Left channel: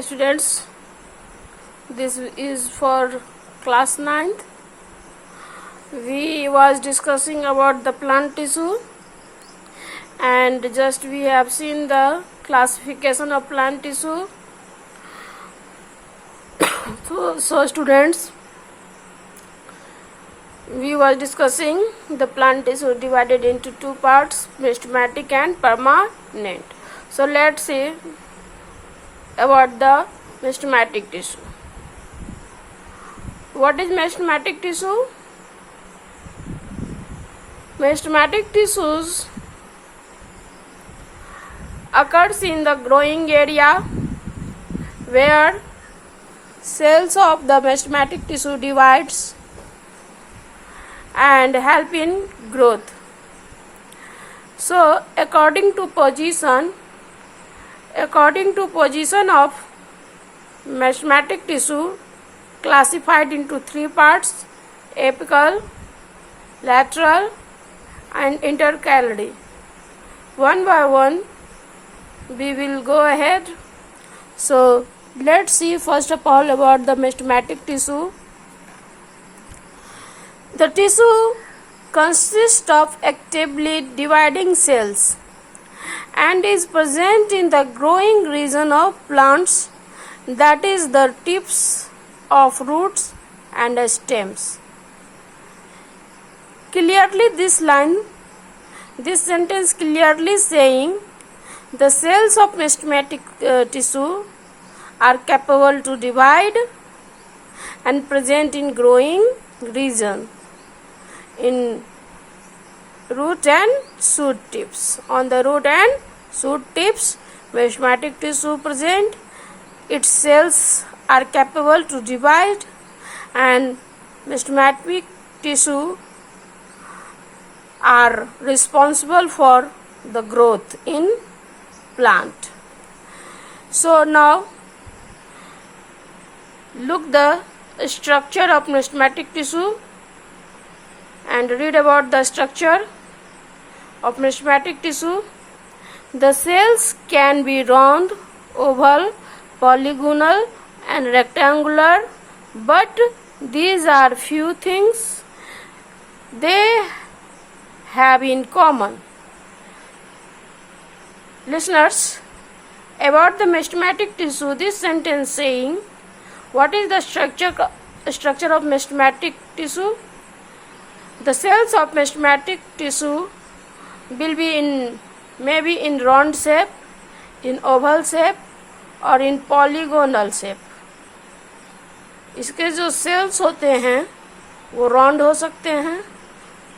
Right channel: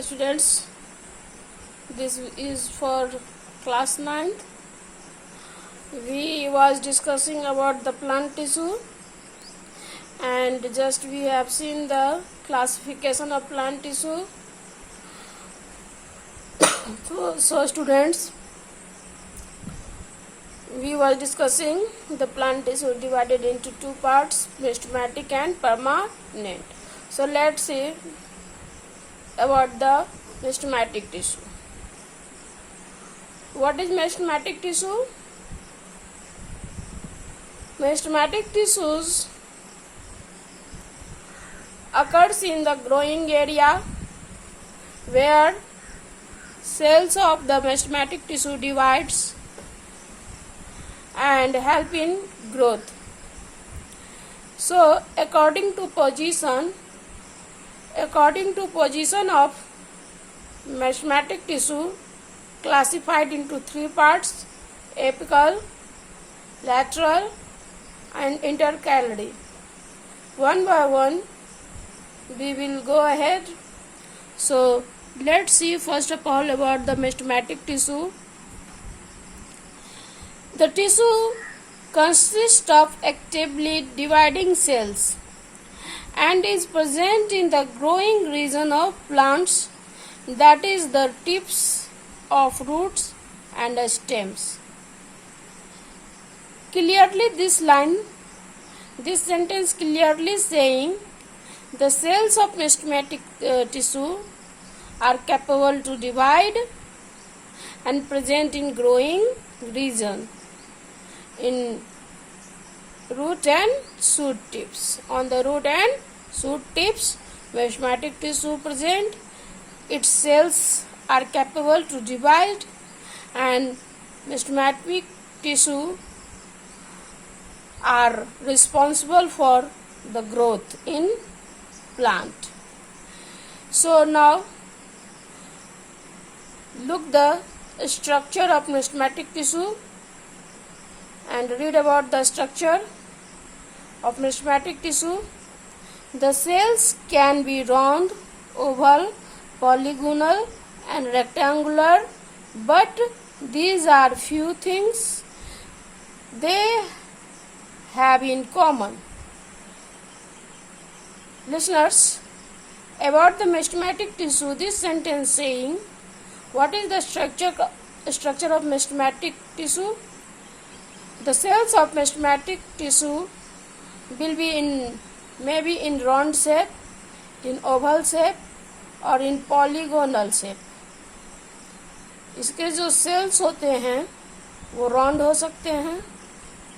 Students, this is for class 9th. We was discussing about the plant tissue, and just we have seen the classification of plant tissue. So students, we was discussing the plant tissue divided into two parts, meristematic and permanent. So let's see about the meristematic tissue. What is meristematic tissue? Meristematic tissues occurs in the growing area where cells of the meristematic tissue divides and help in growth. So according to position of meristematic tissue classified into three parts: apical, lateral and intercalary. One by one we will go ahead. So let's see first of all about the meristematic tissue. The tissue consists of actively dividing cells and is present in the growing region of plants, that is the tips of roots and stems. Clearly this sentence clearly saying the cells of meristematic tissue are capable to divide and present in growing region in root and shoot tips. On the root and shoot tips, meristematic tissue present. Its cells are capable to divide, and meristematic tissue are responsible for the growth in plant. So now look the structure of meristematic tissue and read about the structure of meristematic tissue. The cells can be round, oval, polygonal and rectangular, but these are few things they have in common. Listeners, about the meristematic tissue, this sentence saying what is the structure of meristematic tissue? The cells of meristematic tissue will be maybe in round shape, in oval shape और इन polygonal shape. इसके जो sales होते हैं वो round हो सकते हैं,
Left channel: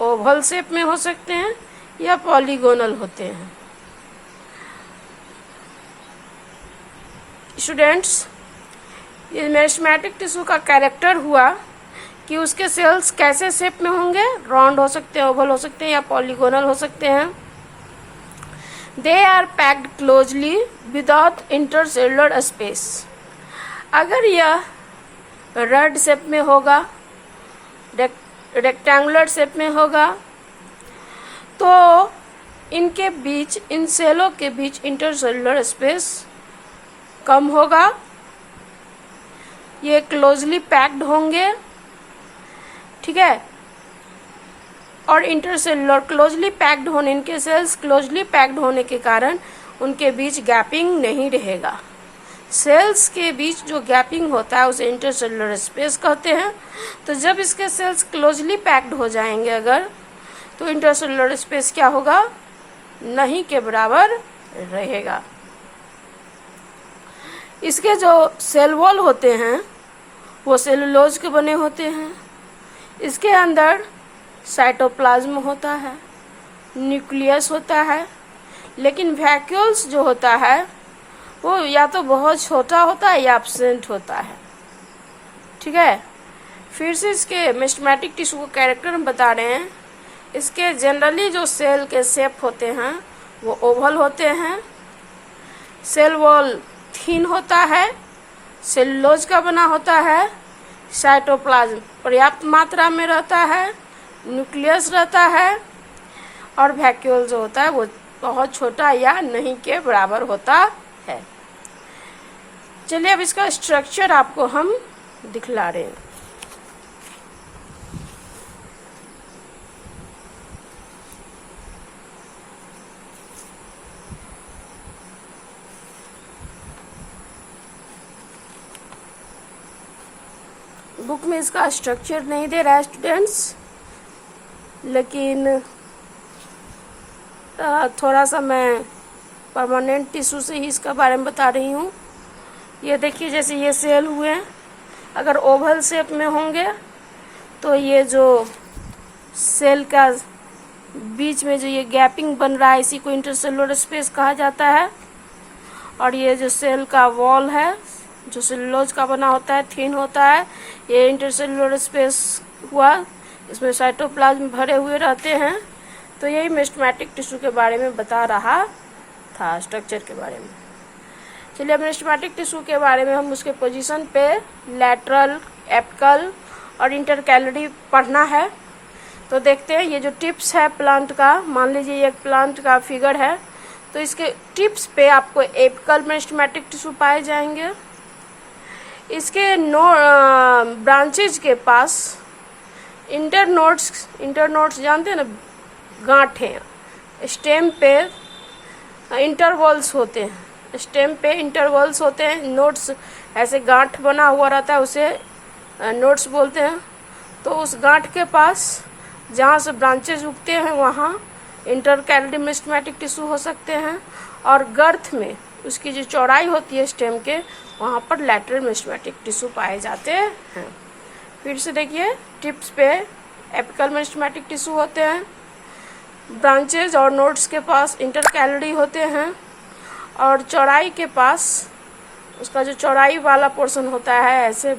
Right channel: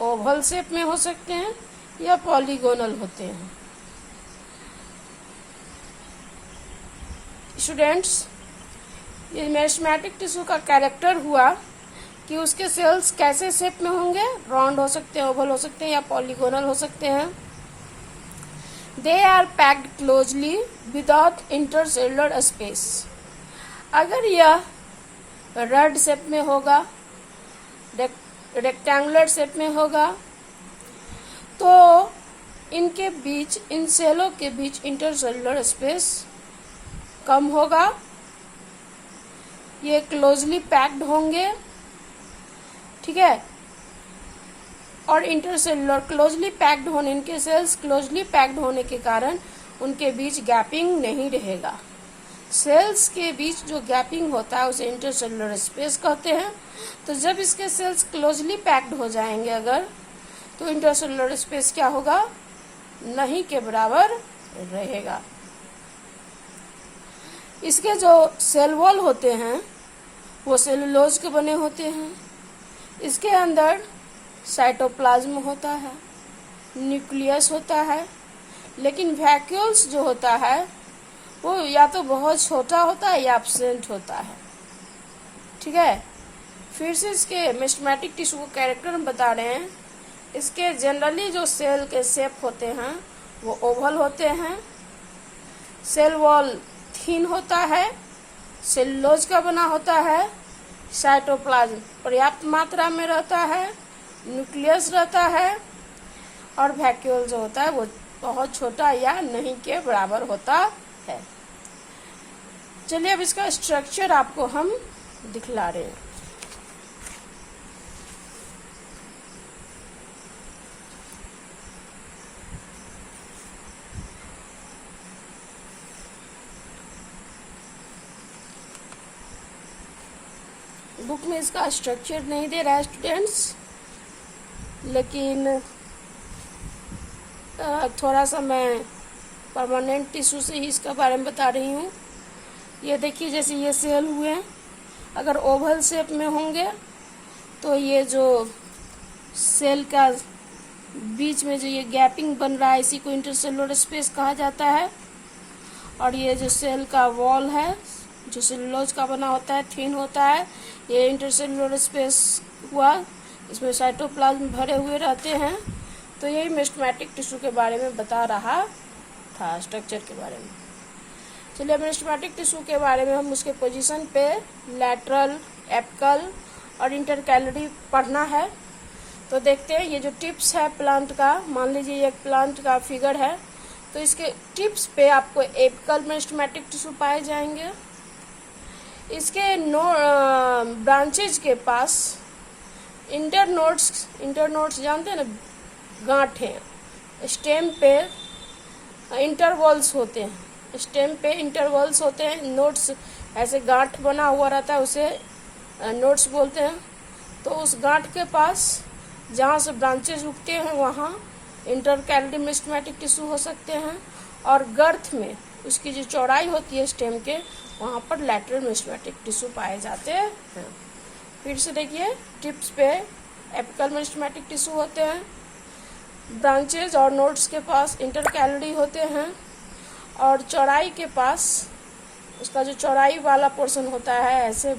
Oval shape में हो सकते हैं या पॉलीगोनल होते हैं. स्टूडेंट्स, ये meristematic टिश्यू का कैरेक्टर हुआ कि उसके सेल्स कैसे शेप में होंगे, राउंड हो सकते हैं, ओवल हो सकते हैं या पॉलीगोनल हो सकते हैं. They are packed closely without intercellular space. अगर यह रड शेप में होगा, रेक्टेंगुलर शेप में होगा, तो इनके बीच, इन सेलों के बीच इंटरसेलुलर स्पेस कम होगा. ये क्लोजली पैक्ड होंगे, ठीक है. और इंटरसेलुलर क्लोजली पैक्ड होने, इनके सेल्स क्लोजली पैक्ड होने के कारण उनके बीच गैपिंग नहीं रहेगा. सेल्स के बीच जो गैपिंग होता है उसे इंटरसेलुलर स्पेस कहते हैं. तो जब इसके सेल्स क्लोजली पैक्ड हो जाएंगे अगर, तो इंटरसेलुलर स्पेस क्या होगा, नहीं के बराबर रहेगा. इसके जो सेल वॉल होते हैं वो सेलुलोज के बने होते हैं. इसके अंदर साइटोप्लाज्म होता है, न्यूक्लियस होता है, लेकिन वैक्यूल्स जो होता है वो या तो बहुत छोटा होता है या एब्सेंट होता है. ठीक है. फिर से इसके meristematic टिश्यू को कैरेक्टर हम बता रहे हैं. इसके जनरली जो सेल के शेप होते हैं वो ओवल होते हैं. सेल वॉल थिन होता है, सेलुलोज का बना होता है. साइटोप्लाज्म पर्याप्त मात्रा में रहता है, न्यूक्लियस रहता है, और वैक्यूल जो होता है वो बहुत छोटा या नहीं के बराबर होता है. चलिए अब इसका स्ट्रक्चर आपको हम दिखला रहे हैं। बुक में इसका स्ट्रक्चर नहीं दे रहा है स्टूडेंट्स, लेकिन थोड़ा सा मैं परमानेंट टिश्यू से ही इसका बारे में बता रही हूँ। ये देखिए, जैसे ये सेल हुए हैं, अगर ओवल शेप में होंगे तो ये जो सेल का बीच में जो ये गैपिंग बन रहा है, इसी को इंटरसेलुलर स्पेस कहा जाता है। और ये जो सेल का वॉल है जो सेलुलोज का बना होता है, थिन होता है, ये इंटरसेलुलर स्पेस हुआ, इसमें साइटोप्लाज्म भरे हुए रहते हैं। तो यही मेरिस्टेमेटिक टिश्यू के बारे में बता रहा था, स्ट्रक्चर के बारे में। चलिए अब मेरिस्टेमेटिक टिश्यू के बारे में हम उसके पोजीशन पे लैटरल, एपिकल और इंटरकैलरी पढ़ना है। तो देखते हैं, ये जो टिप्स है प्लांट का, मान लीजिए ये एक प्लांट का फिगर है, तो इसके टिप्स पे आपको एपिकल मेरिस्टेमेटिक टिश्यू पाए जाएंगे। इसके ब्रांचेज के पास इंटरनोड्स जानते हैं ना, गांठें, स्टेम पे इंटरवॉल्स होते हैं, स्टेम पे इंटरवॉल्स होते हैं, नोड्स ऐसे गांठ बना हुआ रहता है, उसे नोड्स बोलते हैं। तो उस गांठ के पास जहाँ से ब्रांचेज उगते हैं वहाँ इंटरकैलरी मेरिस्टेमेटिक टिश्यू हो सकते हैं, और गर्थ में उसकी जो चौड़ाई होती है स्टेम के, वहाँ पर लैटरल मेरिस्टेमेटिक टिश्यू पाए जाते हैं। फिर से देखिए, टिप्स पे एपिकल मेरिस्टेमेटिक टिश्यू होते हैं, ब्रांचेज और नोड्स के पास इंटरकैलरी होते हैं, और चौड़ाई के पास उसका जो चौड़ाई वाला पोर्शन होता है, ऐसे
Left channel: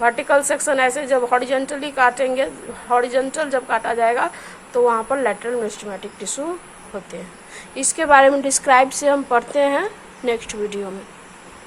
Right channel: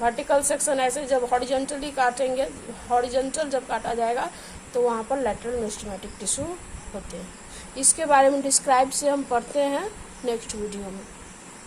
वर्टिकल सेक्शन, ऐसे जब हॉरिजॉन्टली काटेंगे, हॉरिजॉन्टल जब काटा जाएगा तो वहाँ पर लैटरल मेरिस्टेमेटिक टिश्यू होते हैं। इसके बारे में डिस्क्राइब से हम पढ़ते हैं नेक्स्ट वीडियो में।